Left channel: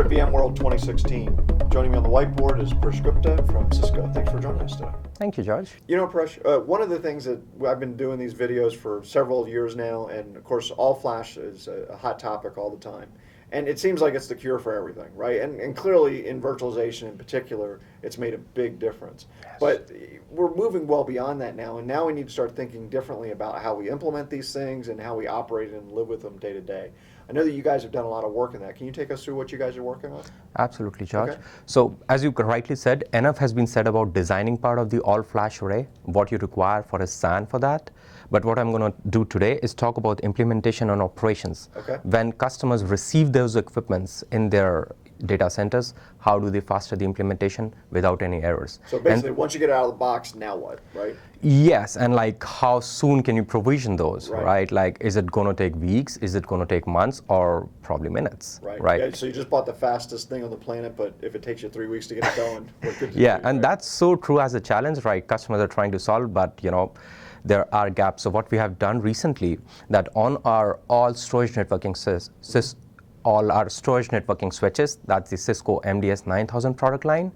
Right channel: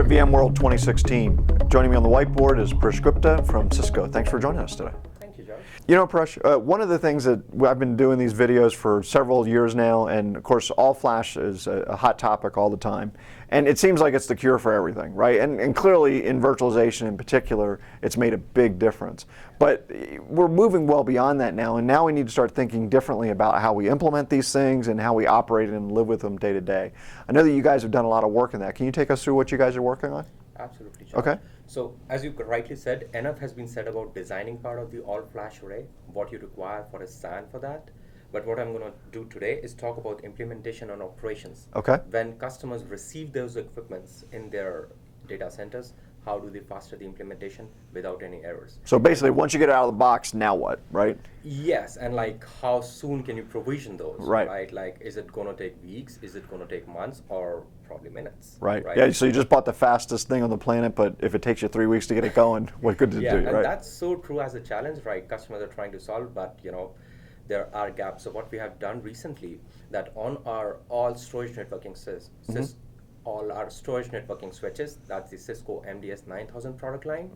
We're at VMworld 2016. Joining me on the whiteboard is Prash Gupta from Cisco. Thanks for joining us today. Thank you, George. You know, Prash, one of the things that I've been doing these videos for several years now, and of course, all flash is a hot topic all the time. And it seems like it's the cure for everything, right? And clearly, in virtualization in particular, it's made a big difference. But we're moving well beyond that now, and now we need to start thinking differently about how we implement these things and how we operate and live with them day to day. I know that you guys have done a lot of work in that. Can you take us through what you guys are working on? Absolutely, George. Okay. So, as you rightly said, enough has been said about designing part of the all-flash array, what you require for a SAN for that. But what I'm going to do today is talk about implementation and operations. Okay. When customers receive those equipments in their data centers, how do they foster the implementation without any errors? So basically, once you get it out of the box, now what, right? Yes, and like how soon can you provision those, Right. right? Like, is it going to take weeks? Is it going to take months or probably minutes? Right. Right. Yeah, so you just bought the fastest thing on the planet, but if it takes you 3 weeks to get it going, what good does it do? And right? that's so true as a challenge, right? Customers are trying to solve, but there are gaps. So what we have done recently, that on our all storage networking all our storage networking switches, that's the Cisco MDS 9000 product line,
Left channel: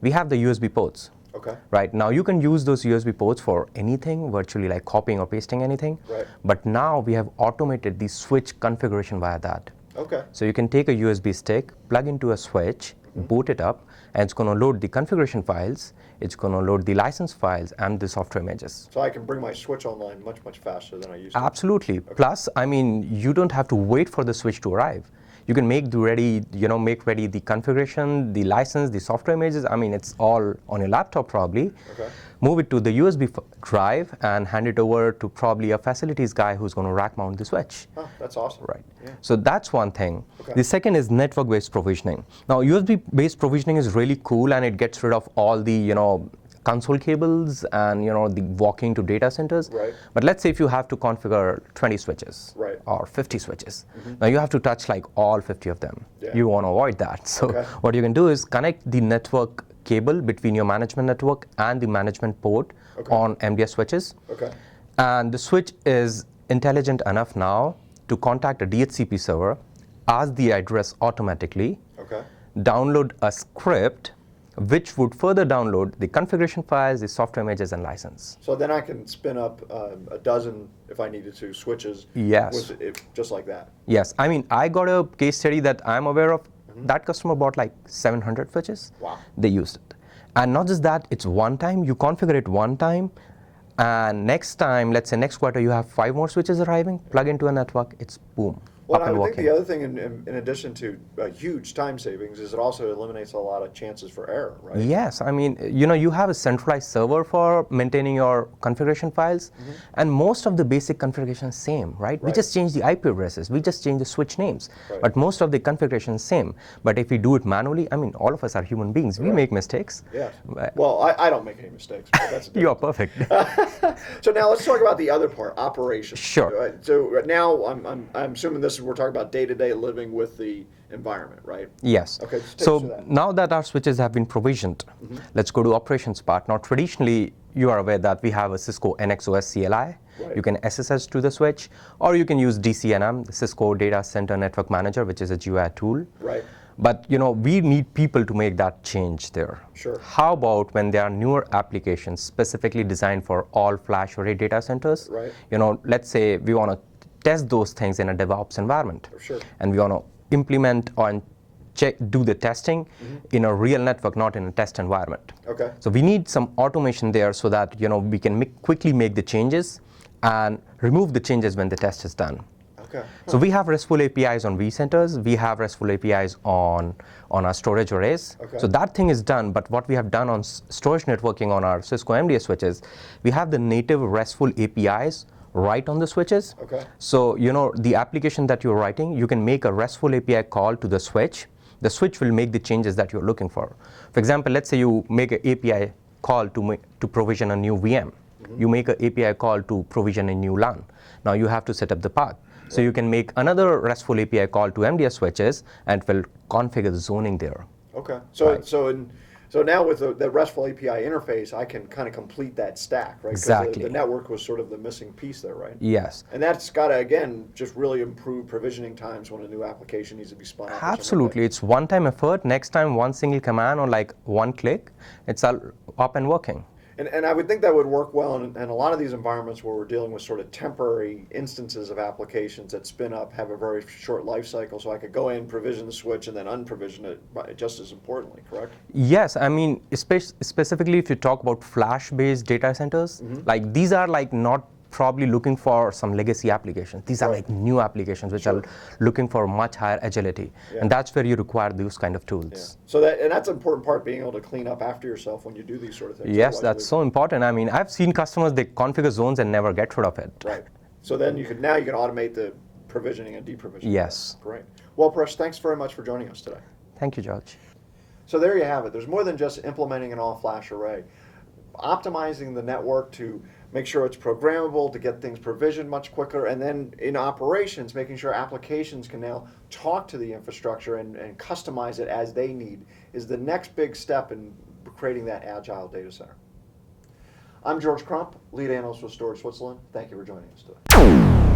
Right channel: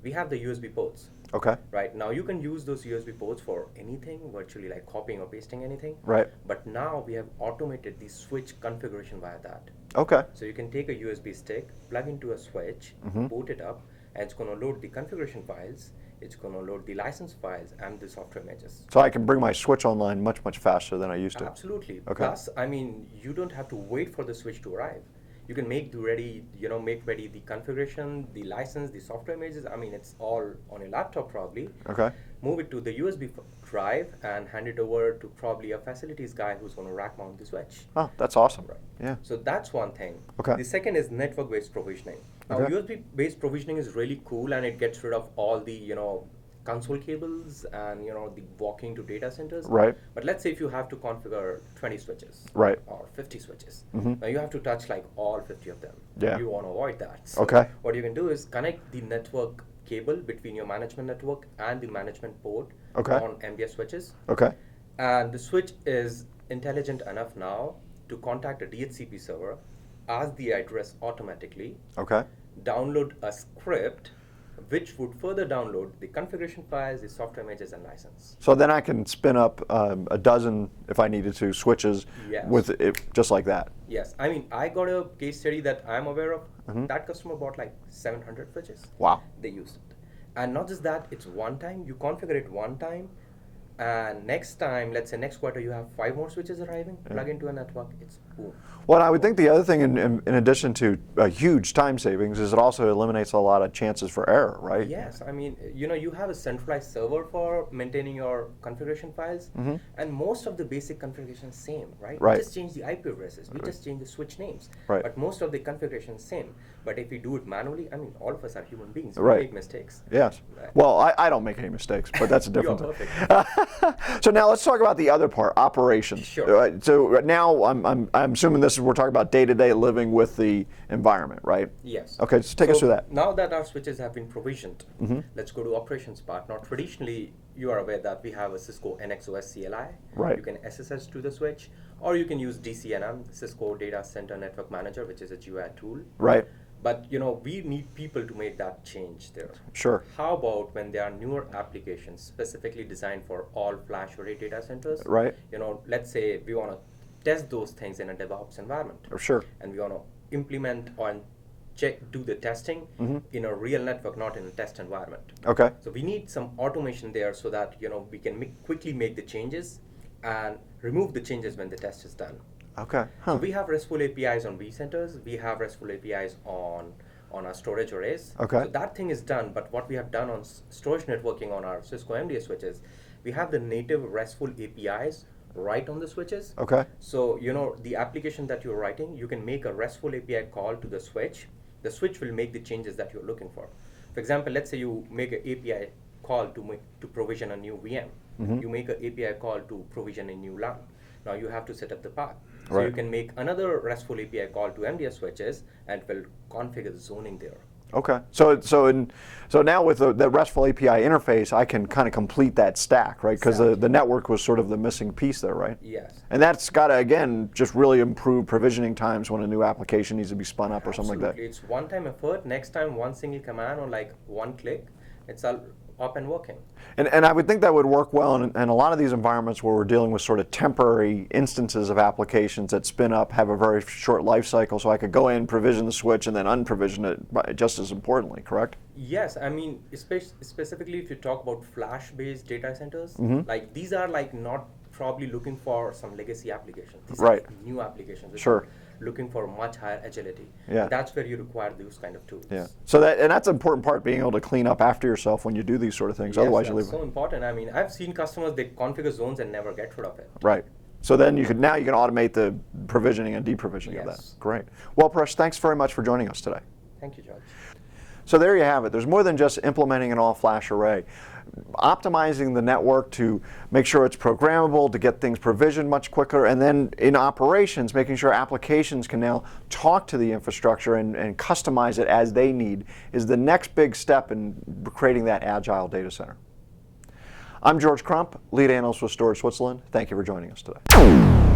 we have the USB ports. Okay. Right, now you can use those USB ports for anything, virtually like copying or pasting anything. Right. But now we have automated the switch configuration via that. Okay. So you can take a USB stick, plug into a switch, boot it up, and it's going to load the configuration files, it's going to load the license files and the software images. So I can bring my switch online much, much faster than I used to. Absolutely. Okay. Plus, I mean, you don't have to wait for the switch to arrive. You can make ready the configuration, the license, the software images. I mean, it's all on your laptop probably. Okay. Move it to the USB drive and hand it over to probably a facilities guy who's going to rack mount the switch. Oh, that's awesome. Right. Yeah. So that's one thing. Okay. The second is network-based provisioning. Now, USB-based provisioning is really cool, and it gets rid of all the console cables and the walking to data centers. Right. But let's say if you have to configure 20 switches, right, or 50 switches, now you have to touch like all 50 of them. Yeah. You want to avoid that. So what you can do is connect the network cable between your management network and the management port on MDS switches. Okay. And the switch is intelligent enough now to contact a DHCP server, ask the address automatically, download a script which would further download the configuration files, the software images, and license. So then I can spin up a dozen, if I needed to, switches with it just like that. Yes. I mean, I got a case study that I'm aware of. That customer bought like 700 switches. Wow. They used it. And not just that, it's one time. You configure it one time. And next time, let's say next quarter, you have 5 more switches arriving, plug into a network, it's boom. Well, I would think the other thing, in addition to huge time savings, is it also eliminates a lot of chances for error, right? Yes, I mean, you have a centralized server for maintaining your configuration files, and most of the basic configuration is same, right? We just change the IP addresses, we just change the switch names, but most of the configuration is same. But if we do it manually, I mean, all of us are human beings, we make mistakes. Yes. Well, I don't make any mistakes, but that's a different You're perfect. So now let's talk about the other part, operations. Sure. So now I'm assuming we're talking about day-to-day living with the environment, right? Yes. Okay, so take us through that. Now that our switches have been provisioned, let's go to operations part. Now, traditionally, you are aware that we have a Cisco NXOS CLI. Right. You can SSH to the switch, or you can use DCNM, the Cisco Data Center Network Manager, which is a GUI tool. Right. But we need people to make that change there. Sure. How about when there are newer applications specifically designed for all flash array data centers? Right. Let's say we want to test those things in a DevOps environment. Sure. And we want to implement and do the testing in a real network, not in a test environment. Okay. So we need some automation there so that we can quickly make the changes and remove the changes when the test is done. Okay. So we have RESTful APIs on vCenters. We have RESTful APIs on our storage arrays. Okay. So that thing is done. But what we have done on storage networking on our Cisco MDS switches, we have the native RESTful APIs right on the switches. Okay. So the application that you're writing, you can make a RESTful API call to the switch. The switch will make the changes that you're looking for. For example, let's say you make an API call to provision a new VM. You make an API call to provision a new LAN. Now you have to set up the path. So you can make another RESTful API call to MDS switches, and it will configure the zoning there. Okay. So So now with the RESTful API interface, I can kind of complete that stack, right? Because Exactly. the network was sort of the missing piece there, right? Yes. And that's got to, again, just really improve provisioning times when a new application needs to be spun up or something like that. Absolutely. It's one-time effort. Next time, one single command or like one click, it's all up and working. And I would think that would work well in a lot of these environments where we're dealing with sort of temporary instances of applications that spin up, have a very short life cycle, so I could go in, provision the switch, and then unprovision it just as importantly, correct? Yes, I mean, specifically if you talk about flash-based data centers, like these are like not probably looking for some legacy applications. These are Right. like new applications which Sure. are looking for much higher agility. Yeah. And that's where you require those kind of tools. Yeah. So that's an important part, being able to clean up after yourself when you do these sort of things. Yes, Otherwise you that's leave so important. I mean, I've seen customers, they configure zones and never get rid of it. Right. So then now you can automate the provisioning and deprovisioning. Yes. Of that. Great. Well, Paresh, thanks very much for joining us today. Thank you, George. So there you have it. There's more than just implementing an all-flash array. Optimizing the network to make sure it's programmable, to get things provisioned much quicker, and then in operations, making sure applications can now talk to the infrastructure and customize it as they need is the next big step in creating that agile data center. I'm George Crump, lead analyst with Storage Switzerland. Thank you for joining us today.